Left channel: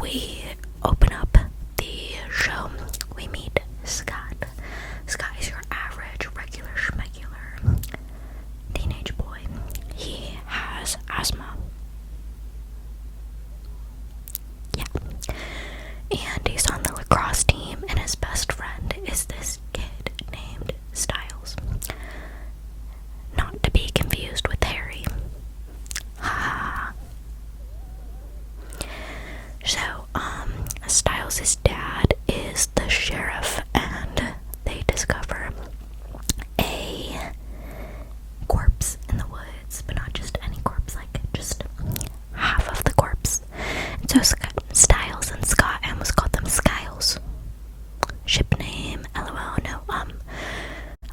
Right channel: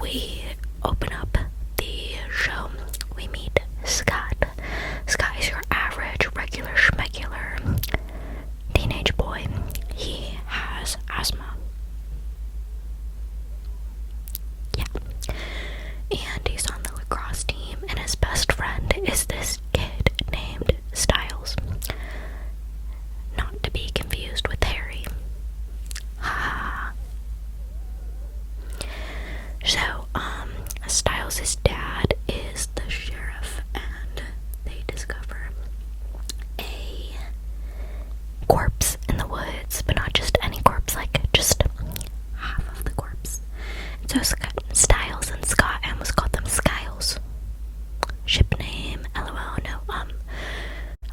we open up the show. We meet Scott. Scott is your average, regular, schmegular teenage boy. He has asthma. Yeah. And he's on the lacrosse team, and his best friend is this kid named Styles. Not to be confused with Harry. Ha. So, Styles' dad is the sheriff, and they discover a corpse in the woods, but not just any corpse, like just half of the corpse. And so Styles and Scott, I almost called them Skiles. Ship name, LOL, no,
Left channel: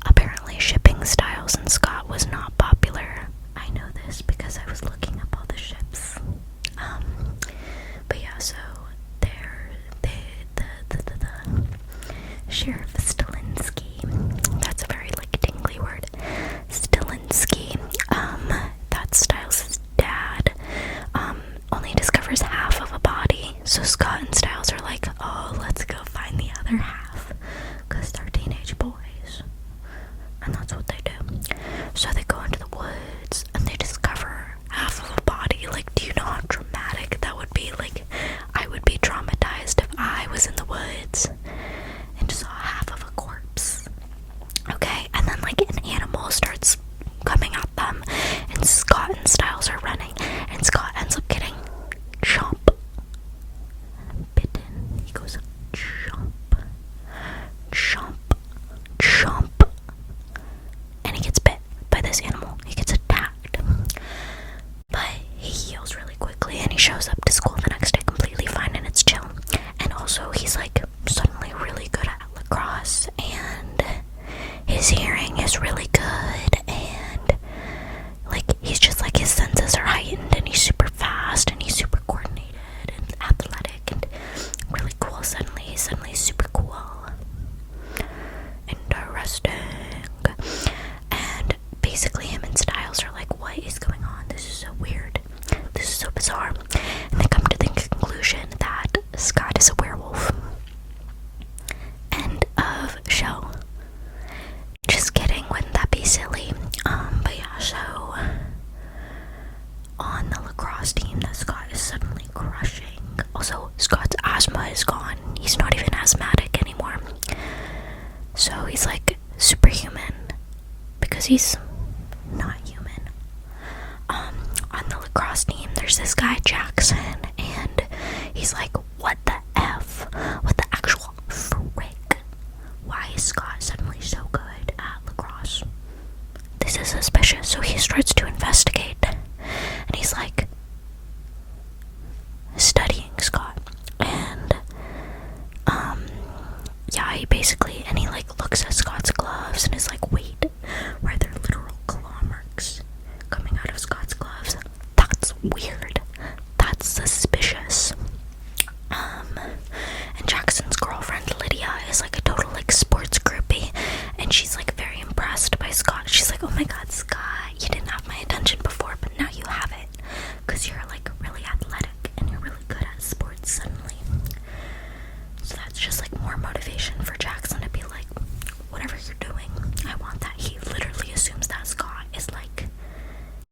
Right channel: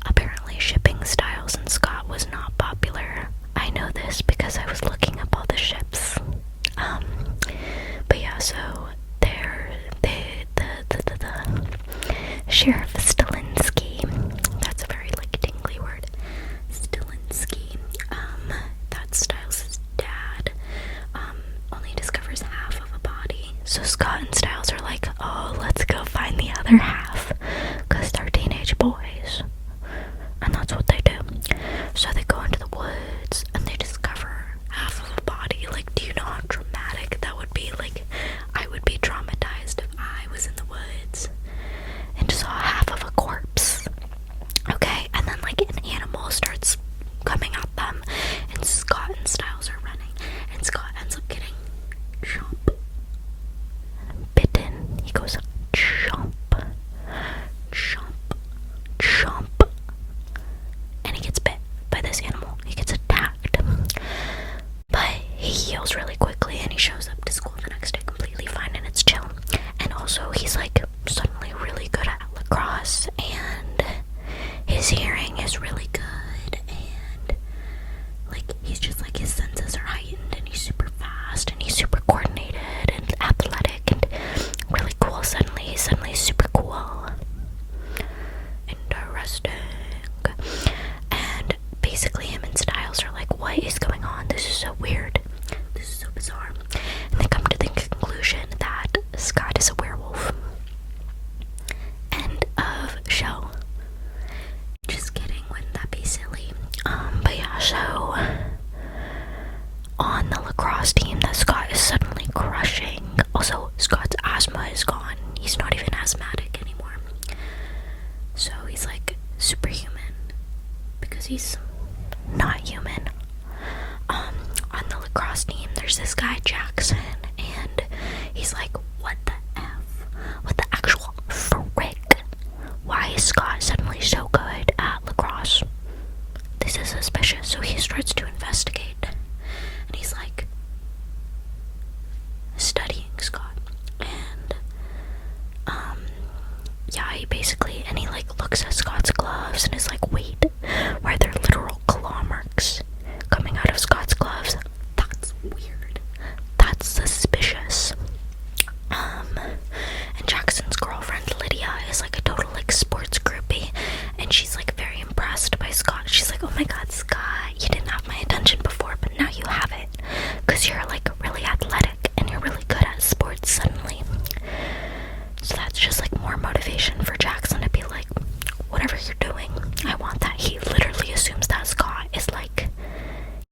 apparently shipping Styles and Scott was not popular. I know this because I was looking up all the ships. But yeah, so the Sheriff Stilinski, that's a very tingly word, Stilinski, that's Styles' dad, only discovers half of a body. So Scott and Styles are like, oh, let's go find the other half, because they're teenage boys. And that's what they do. So they go into the woods and they discover half of a body. Do you know how dramatic that would be? I would be traumatized if I was in the woods and saw half of a corpse. Okay, and then an animal starts coming at them, and Scott and Styles are running, and Scott ends up getting bitten. He goes chomp, chomp, chomp, and he gets bit by this animal. He gets attacked, but he heals really quickly, and he shows up to school the next day completely fine, and it's chill. And also he's suddenly really good at lacrosse, and his hearing is really good, and he's just his senses are heightened, and he's super fast, and he's super coordinated and athletic and really cool. Suddenly he's super cool. Interesting. And basically him and Styles are what is going on? This is so weird. This is so bizarre. And they come to the conclusion that Scott is a werewolf. End of show. Just kidding, wouldn't that be silly? But yeah, so on the lacrosse team that Scott is suddenly crushing. Also, Scott's asthma is gone. He's not even asthmatic anymore. So he's superhuman because he's not human. On the lacrosse team, there's this guy Jackson, and he's what the F? What the actual frick? Why is Scott suddenly so good at lacrosse? This is suspicious. So he starts to investigate, and he's studying Scott, and yeah, he basically, and he looks at Scott's gloves and is wait, why are there literal claw marks coming out of Scott's gloves? That's weird. That's suspicious. And Jackson's girlfriend Lydia is a total sports groupie, and she's very impressed by Scott. She's oh my god, Scott, you didn't have my attention before, but now you have it, because you're really athletic and you're really good at sports suddenly. So that's just more motivation for Jackson to be whatever you're doing, I want that. He literally assumes that Scott is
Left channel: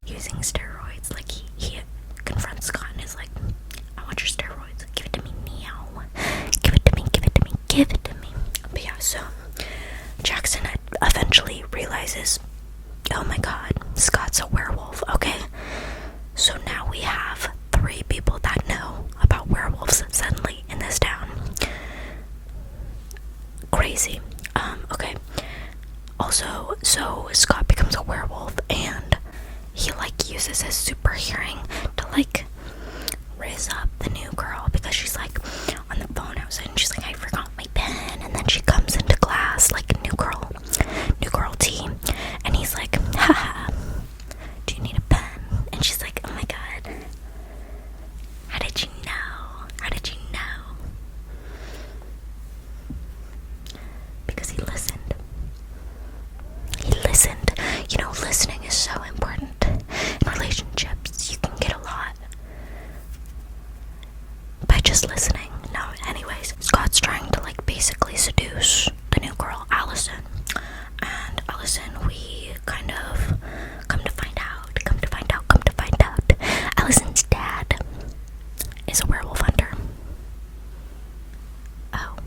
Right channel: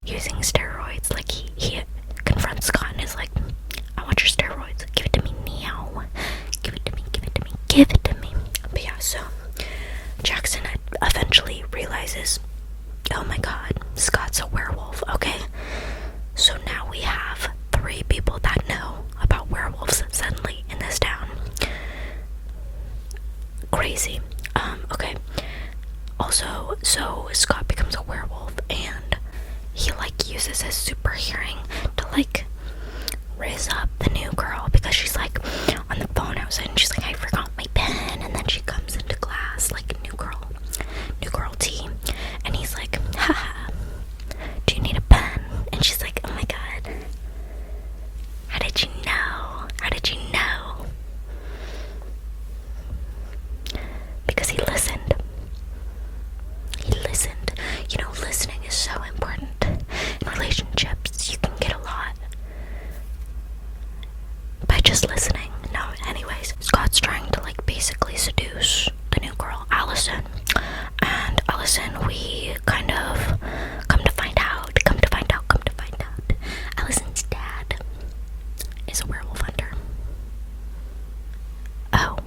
using steroids. He confronts Scott and is I want your steroids, give it to me now, give it to me, give it to me, give it to me. But yeah, so Jackson eventually realizes, oh my god, Scott's a werewolf. Okay, so now we have 3 people that know about werewolves suddenly in this town. Crazy. Okay. Also, so Scott becomes a werewolf, and he uses his super hearing to raise up the new girl, because she's on the phone outside, and she's I forgot my pen, and then she comes into class new girl T, and he's haha, do you need a pen? And she's oh my god, how did you know? How did you know? Because he listened. He listened. You know, listening is so important. In relationships, you can get a lot just listening. No, anyways, Scott's trying to like basically seduce the new girl, Allison. And Allison, we kind of come to find out, Allison's dad is a werewolf hunter. Oh.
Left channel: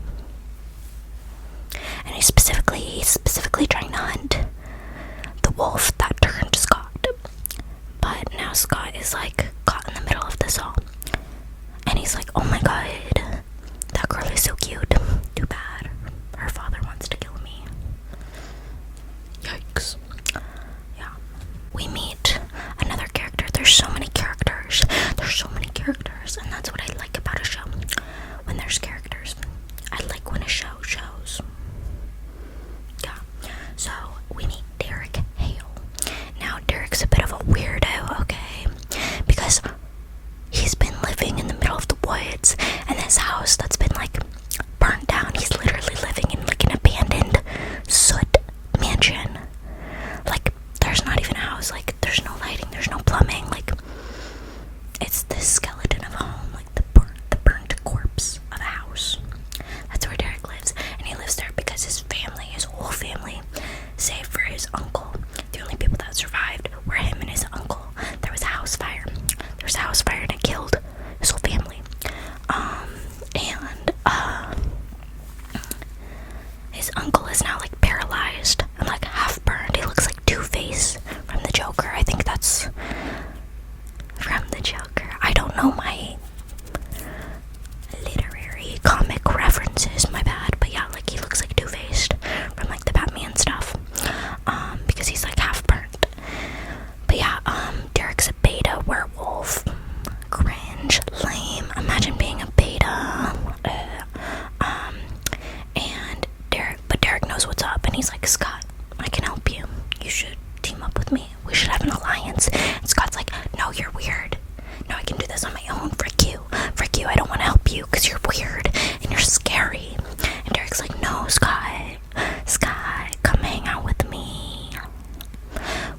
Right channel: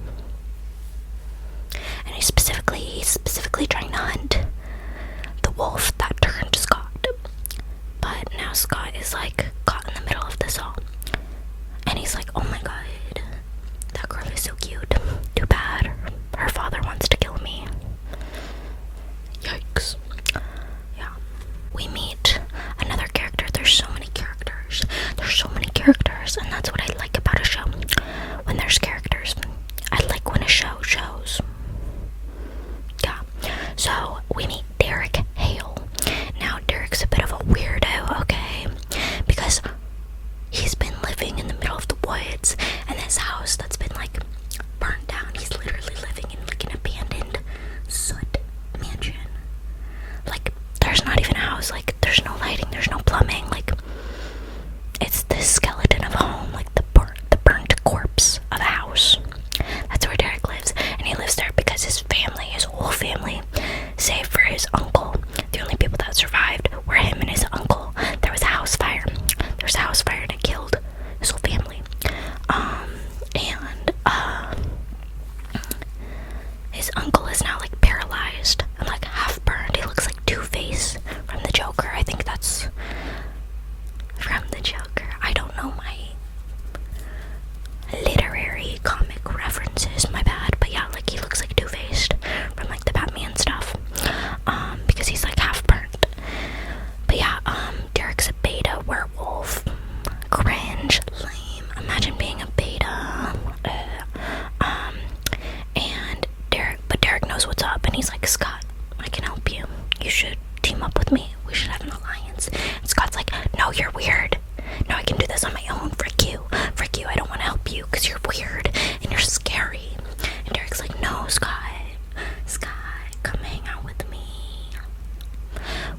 And he's specifically trying to hunt the wolf that turned Scott. But now Scott is like caught in the middle of this all. And he's like, oh my god, that girl is so cute. Too bad her father wants to kill me. Yikes. Yeah. We meet another character. There's so many characters, and that's what I like about a show. When there's characters. I like when a show shows. Yeah. So we meet Hale. Now Derek's a bit of a weirdo, okay? Because he's been living in the middle of the woods, and this house that's been like burnt down. He's literally living in like an abandoned soot mansion. Like there's not even a house, like there's no lighting, there's no plumbing, like it's the skeleton of a home, like the burnt corpse of a house. That's where Derek lives, and he lives there because his whole family, save for his uncle, the only people that survived were him and his uncle. There was a house fire, and it killed his whole family. His uncle is now like paralyzed and like half burned. He looks like Two-Face from the Joker. I think that's from the Joker. I don't know my literary comic references, my bad, but yeah, like he looks like Two-Faced from like the Batman stuff, because he's like half burnt. But yeah, Derek's a beta werewolf. Cringe, lame. Imagine being a beta. And Derek knows what's up, and he's like, Scott, I can help you. You should team up with me. We should have an alliance. And Scott's like, no, you're weird. No, I can do this on my own. Frick you. I don't want to help you because you're weird and you're scary. And Derek's like, no, Scott, come hang out with me.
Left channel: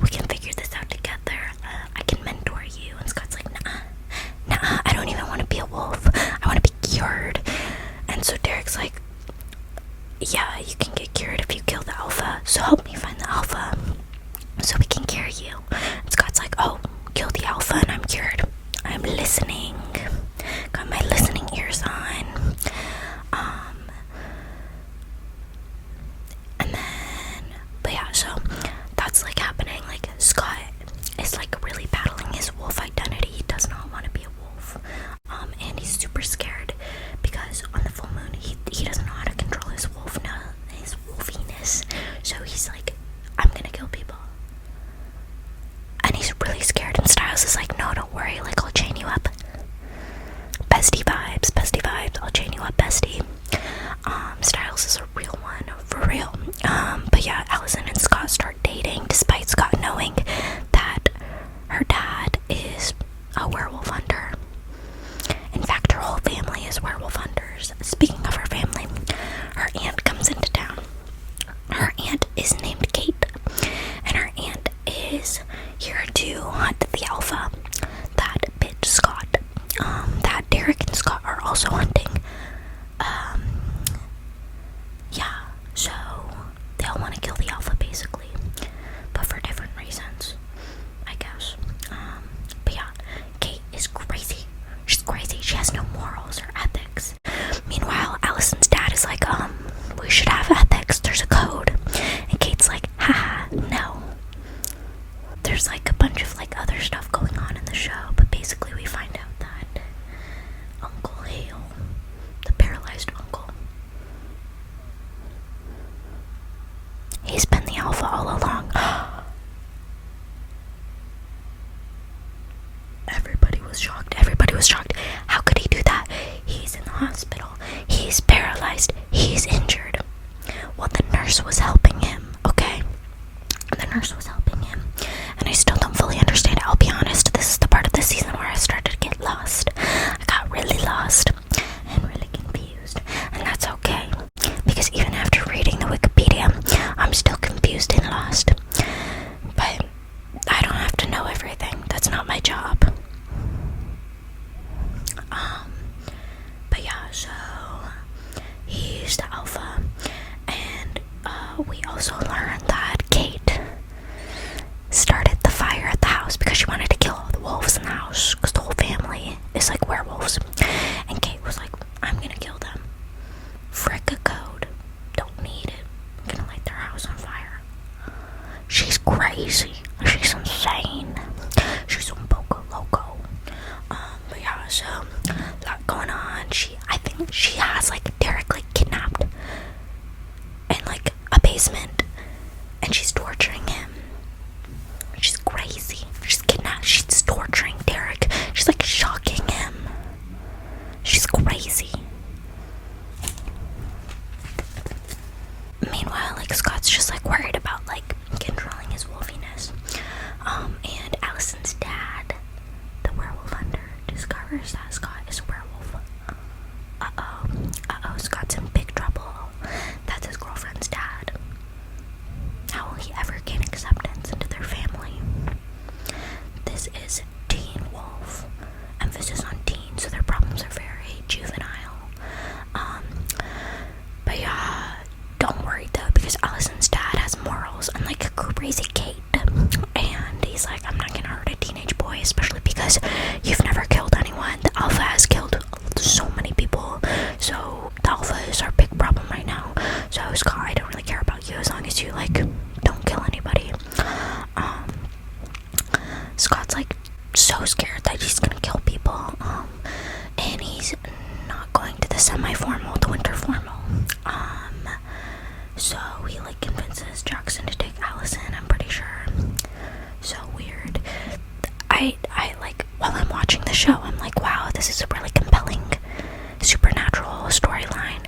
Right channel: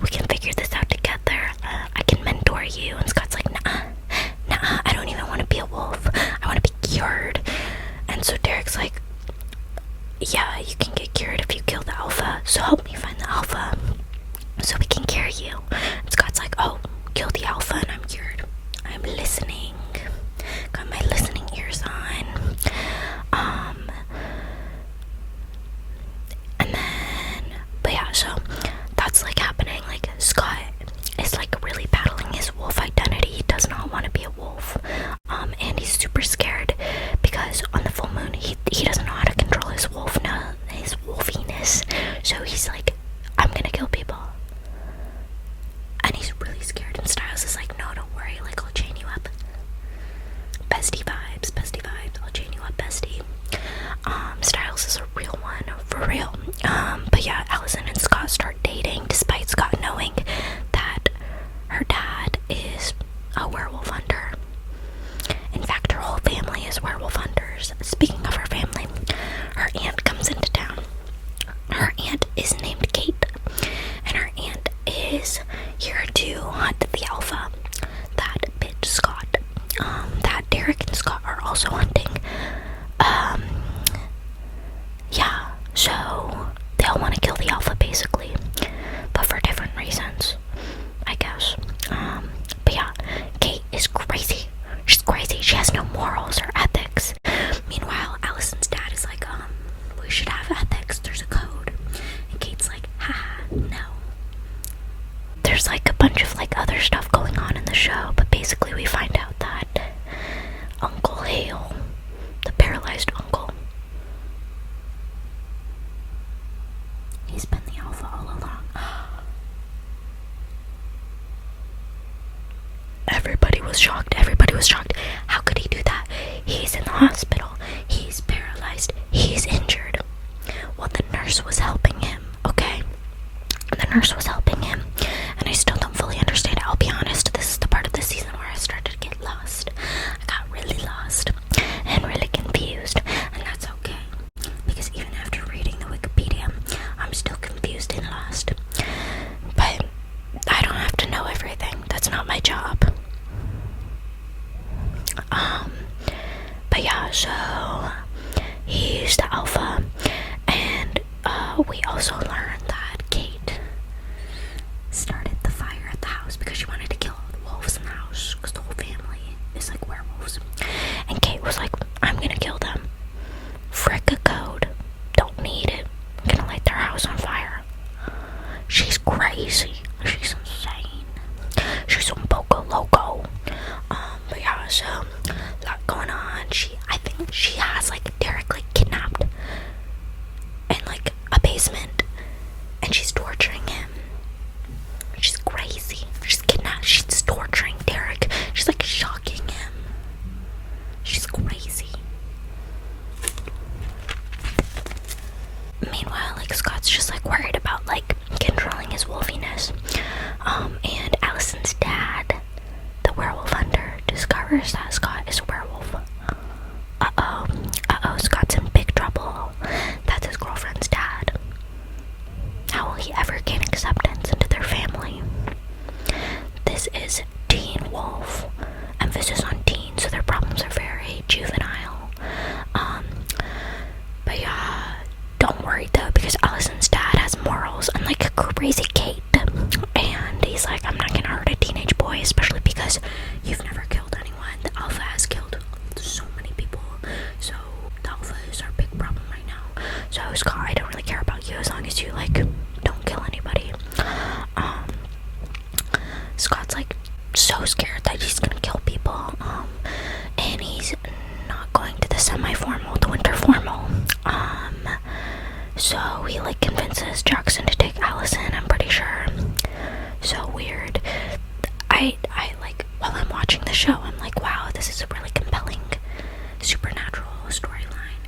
We can figure this out together. I can mentor you. And Scott's like, nah, I don't even want to be a wolf. I want to be cured. And so Derek's like, yeah, you can get cured if you kill the alpha. So help me find the alpha so we can cure you. And Scott's like, oh, kill the alpha and I'm cured. I'm listening. Got my listening ears on. And then, but yeah, so that's like happening. Like Scott is like really battling his wolf identity. He does not want to be a wolf. And he's super scared because on the full moon he doesn't know how to control his wolfiness. So he's like, I'm gonna kill people. And he's really scared, and Styles is like, no, don't worry, like I'll chain you up. Bestie vibes, I'll chain you up, bestie. Styles is a real one, for real. But yeah, Allison and Scott start dating, despite Scott knowing that her dad is a werewolf hunter. In fact, her whole family is werewolf hunters. Speaking of her family, her aunt comes into town. Her aunt is named Kate, and her aunt is here to hunt the alpha that bit Scott, that Derek and Scott are also hunting. Yeah, so they all want to kill the alpha basically, but for different reasons, I guess. But yeah, Kate is crazy. She's crazy. She has no morals or ethics. Meanwhile, Allison's dad is like, we should have ethics. There's a code. And Kate's like, haha, no. There's like a bunch of like other stuff going on in the show, but basically we find out that Uncle Hale, the paralyzed uncle, he's been the alpha all along. Everybody was shocked. How could he do that? He's in the hospital. He's paralyzed. He's injured. Well, the nurse was helping him, okay? The nurse was helping him. And I still don't fully understand. I'll be honest, this is the part of the season where I started to get lost. I got really lost and really confused. And that's okay. Because even after reading the Wikipedia, I'm still confused and lost. But I don't have to know everything. That's not my job. yeah, so he's the alpha, and we also learned that Kate started the fire at the house because she wanted to kill all the wolves in the house because the whole family is like werewolves. And Kate was like, I'm gonna kill them. Frick a code. Don't need it. I'm gonna light their house on fire. She's crazy. She's insane. She's un poco loco. But yeah, so a lot going on. I think she has like Derek like kidnapped in like a basement, and she's torturing him. She's crazy. She's kidnapped. She's torturing Derek. She's like shocking him. She's crazy. Meanwhile, like Scott's just like worried about like controlling his wolfiness. And Allison's dad, the werewolf hunter, discovers that Scott is a werewolf. Scott's in big trouble. That's his girlfriend's dad. How will he ever gain acceptance into their family? This is teen wolf. Emphasis on teen, so their problems are very juvenile. But yeah, don't worry though, because Allison's dad has morals, unlike crazy Kate. And he's like, I'm not gonna hurt a teenage boy, especially because you've never killed anyone. The alpha has killed so many people, so the alpha is our big problem right now. So Scott, I don't really care about you as long as you like don't kill anybody. Scott's like so scared that he's gonna kill people, and he's not going to the semi-formal, the winter formal. So he like convinces Jackson to take Allison, I'm pretty sure. So weird. I like, while I'm watching the show, I'm like, wow, this is a really compelling supernatural storyline.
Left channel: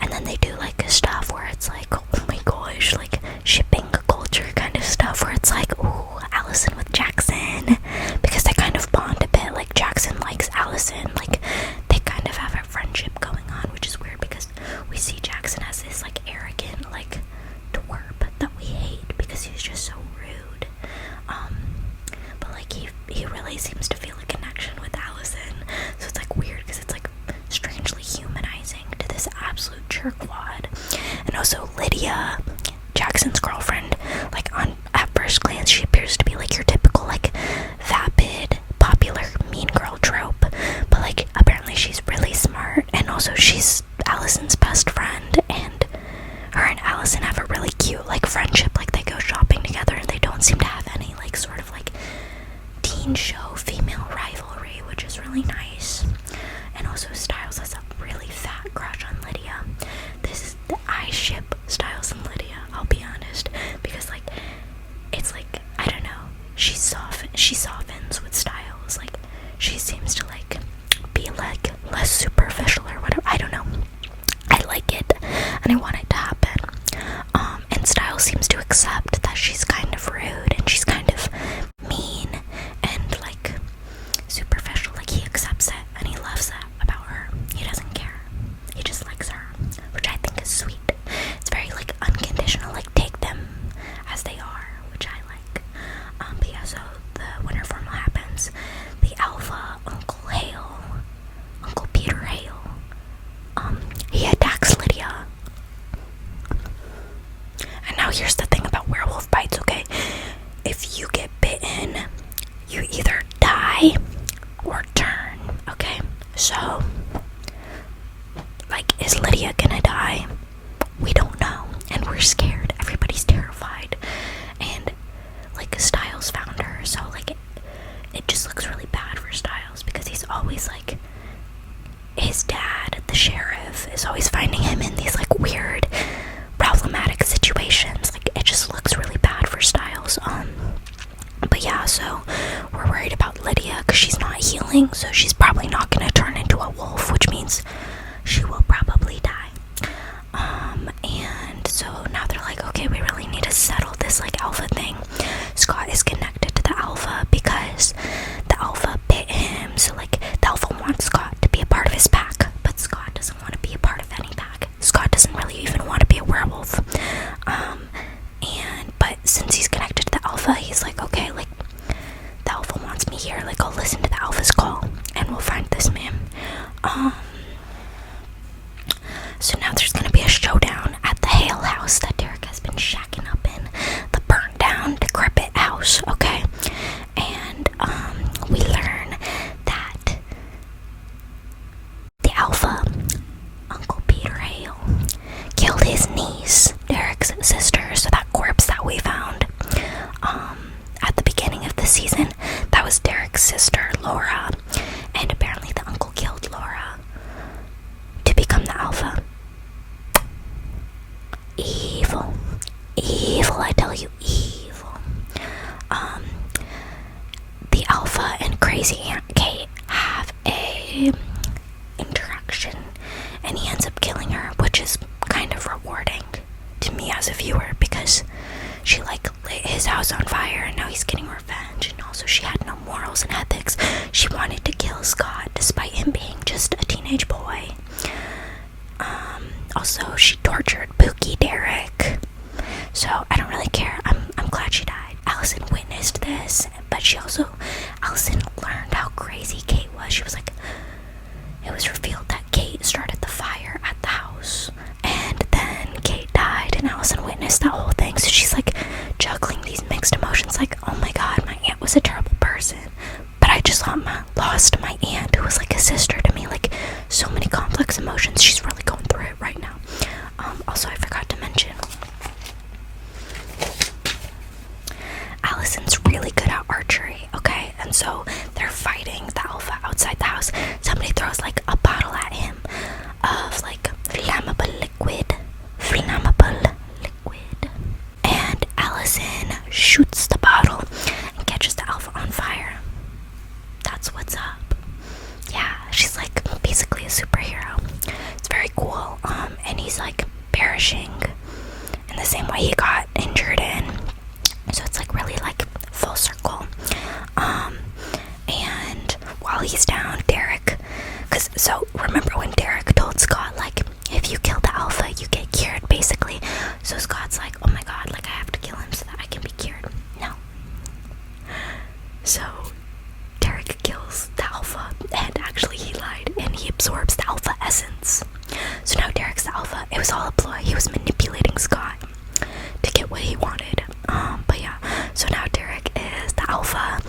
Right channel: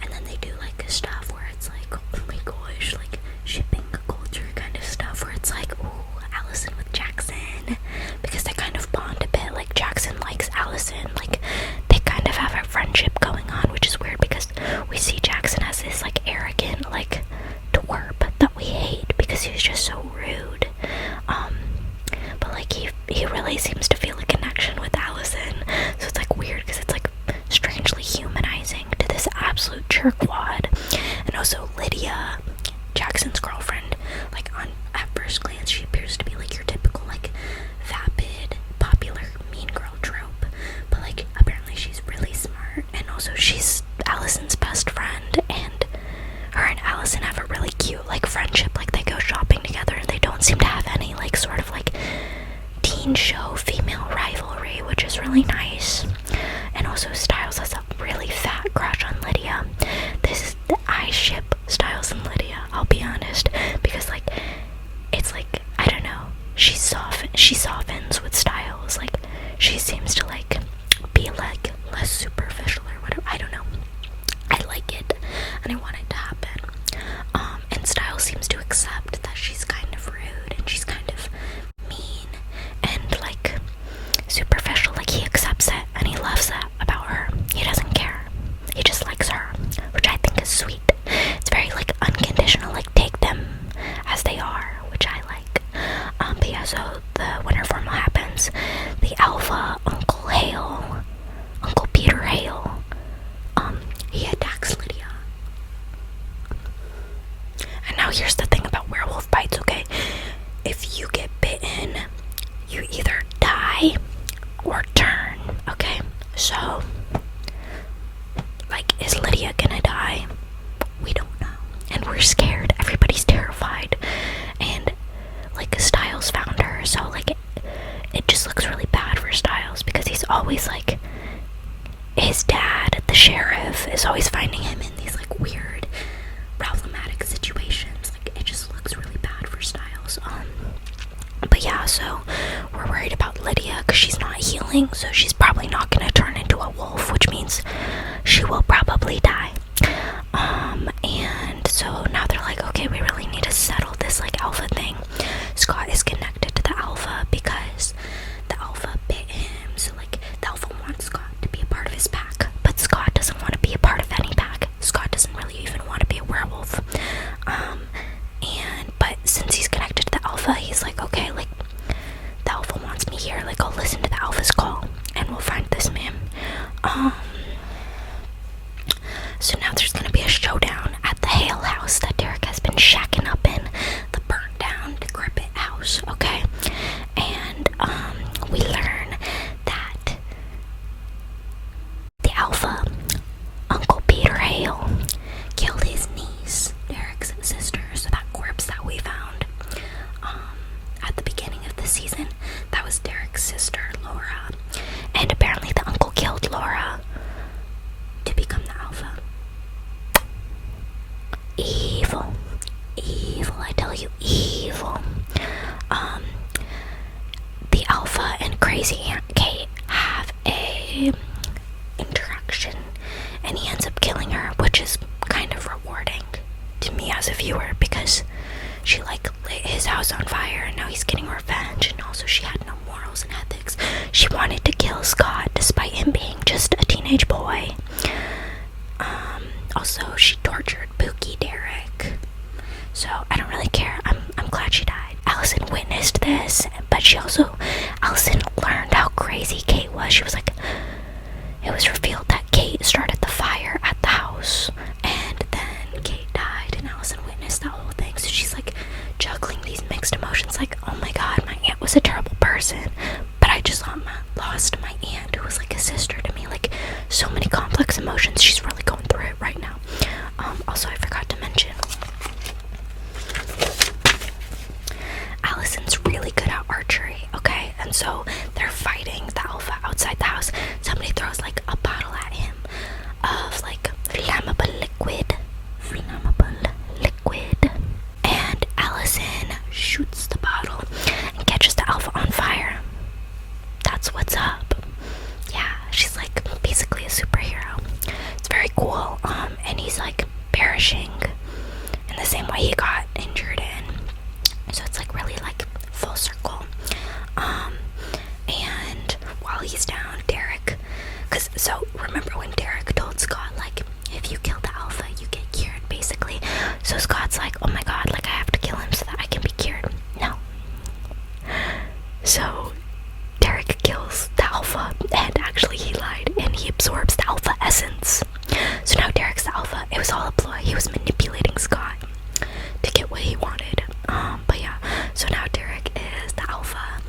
And then they do like stuff where it's like, oh my gosh, like shipping culture kind of stuff where it's like, ooh, Allison with Jackson, because they kind of bond a bit. Like Jackson likes Allison, like they kind of have a friendship going on, which is weird because we see Jackson as this like arrogant like twerp that we hate because he's just so rude. But like he really seems to feel a connection with Allison, so it's like weird because it's like strangely humanizing to this absolute jerkwad. And also Lydia, Jackson's girlfriend, like at first glance she appears to be like your typical like vapid popular mean girl trope, but like apparently she's really smart, and also she's Allison's best friend, and her and Allison have a really cute like friendship. Like they go shopping together and they don't seem to have any like sort of like teen show female rivalry, which is really nice. And also Styles has a really fat crush on Lydia. I ship Styles and Lydia, I'll be honest, because like it's like, I don't know, she softens with Styles. Like she seems to like be like less superficial or whatever. I don't know, I like it and I want it to happen. And Styles seems to accept that she's kind of rude and she's kind of mean and like superficial. Like he accepts it and he loves that about her. He doesn't care, he just likes her, which I think is sweet. It's very like unconditional, like take them as they are, which I like. But yeah, so the winter formal happens. The alpha, Uncle Peter Hale, he attacks Lydia. And now here's the thing about werewolf bites, okay? If you get bitten, you either die or turn, okay? So, like, is Lydia gonna die? We don't know. And we're scared. Everybody's terrified. And, like, Styles found her, so, like, it just looks really bad for Styles because he's always, like, his dad, the sheriff, is always finding him in these, like, weird, problematic situations. Like, it just looks really bad for Styles. But yeah, so we're worried about Lydia because she's not healing, so she's probably not gonna turn into a wolf, which means she will probably die. And so now they're like, okay, we really need to settle this like alpha thing. Scott is connected to the alpha because the alpha bit him, so like the alpha wants Scott to be a part of his pack, but Scott doesn't want to be a part of any pack. Scott doesn't really even want to be a werewolf. But since he's connected to the alpha, he's like, okay, like the alpha wants me here, like I'll listen to the alpha's call and we'll find this man. as a viewer because she like lit his house on fire and now he's getting revenge, and also she had no morals and ethics. She wanted to kill Scott despite him being just a teenage boy. Also she tortured Pookie Derek. So I don't really care. I'm glad she died. Allison witnessed this, but Allison learned how crazy Kate was. She was like, it was revealed that Kate started the fire at the house, and then Kate died, and Allison witnessed that whole thing. So she's like juggling these mixed emotions, like, oh my god, my aunt was a terrible person, but I just lost my aunt who was like a sister to me. Like, so many complex emotions. She's really going through it right now. Also, I forgot to mention, Allison's really good at archery, okay? And so they're fighting the alpha outside the house. Somebody throws like a bottle at him of like flammable liquid. And Allison shoots the bottle and catches the alpha on fire. That's what's up. Yeah, she's like basically a superhero. It's very cool. And he's like perishing in the same way he got injured in. So it's like really like full circle. And while he's down, Derek, so remember when Derek told Scott, like, if you kill the alpha, you get cured, basically. So Scott's like, oh my god, like, I have to kill him so that I can be cured. No. So Derek kills the alpha, and actually he lied, and he absorbs the alpha essence. So now Derek's the alpha. It was all a ploy. He was manipulating Scott to get what he wanted. But yeah, so now Derek is the alpha,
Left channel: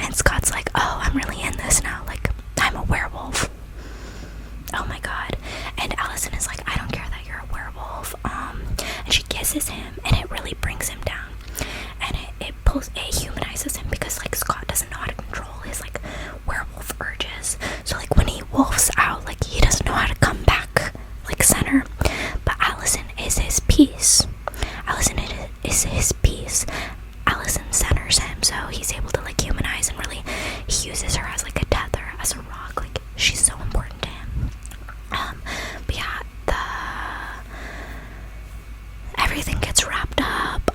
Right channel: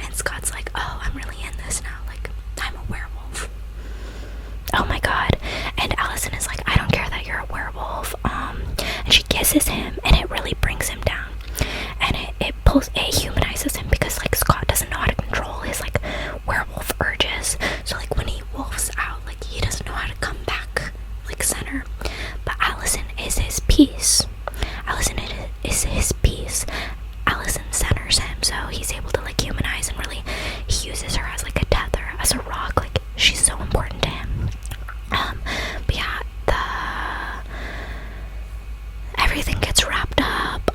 and Scott's like, oh, I'm really in this now, like, I'm a werewolf. Oh my god. And Allison is like, I don't care that you're a werewolf. And she kisses him, and it really brings him down, and it humanizes him, because like Scott doesn't know how to control his like werewolf urges. So like when he wolfs out, like he doesn't know how to come back like center. But Allison is his peace. Allison centers him, so he's able to like humanize, and really he uses her as like a tether, as a rock. Like, she's so important to him. But yeah, everything gets wrapped up.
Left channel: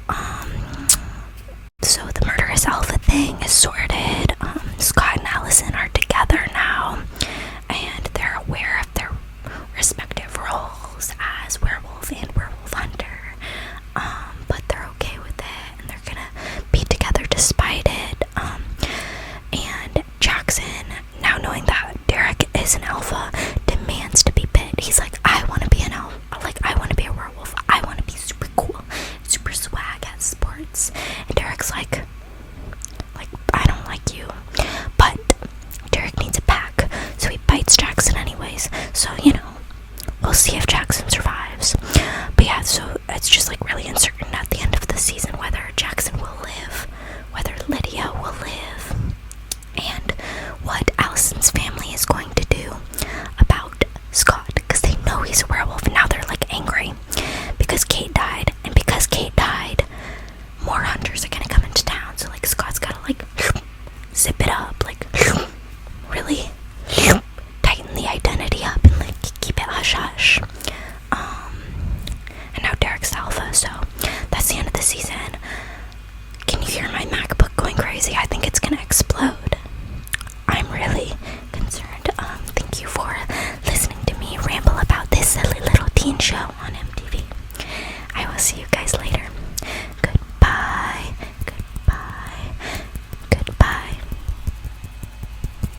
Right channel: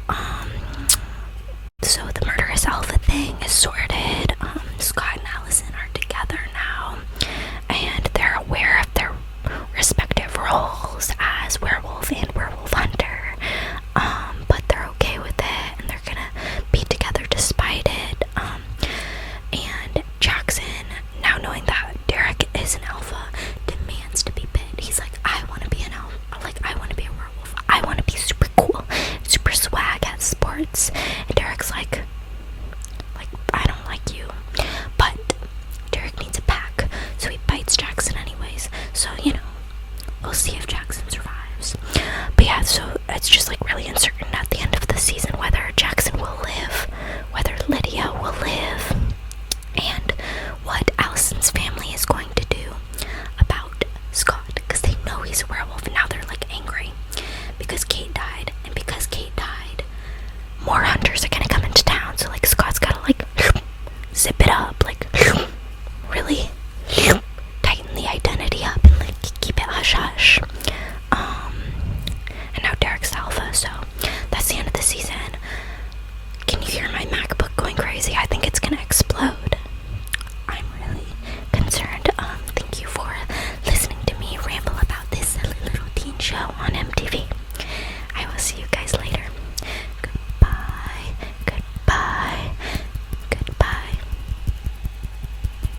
So the murderous alpha thing is sorted. Scott and Allison are together now, and they're aware of their respective roles as werewolf and werewolf hunter. But they're okay with it, and they're gonna be together despite it. And Jackson, now knowing that Derek is an alpha, demands to be bit. He's like, I want to be an alpha. Like, I want to be a werewolf. I want to be super cool, super swag at sports. And Derek's like, I don't like you. But Derek needs a pack, so he bites Jackson anyways. So, you know,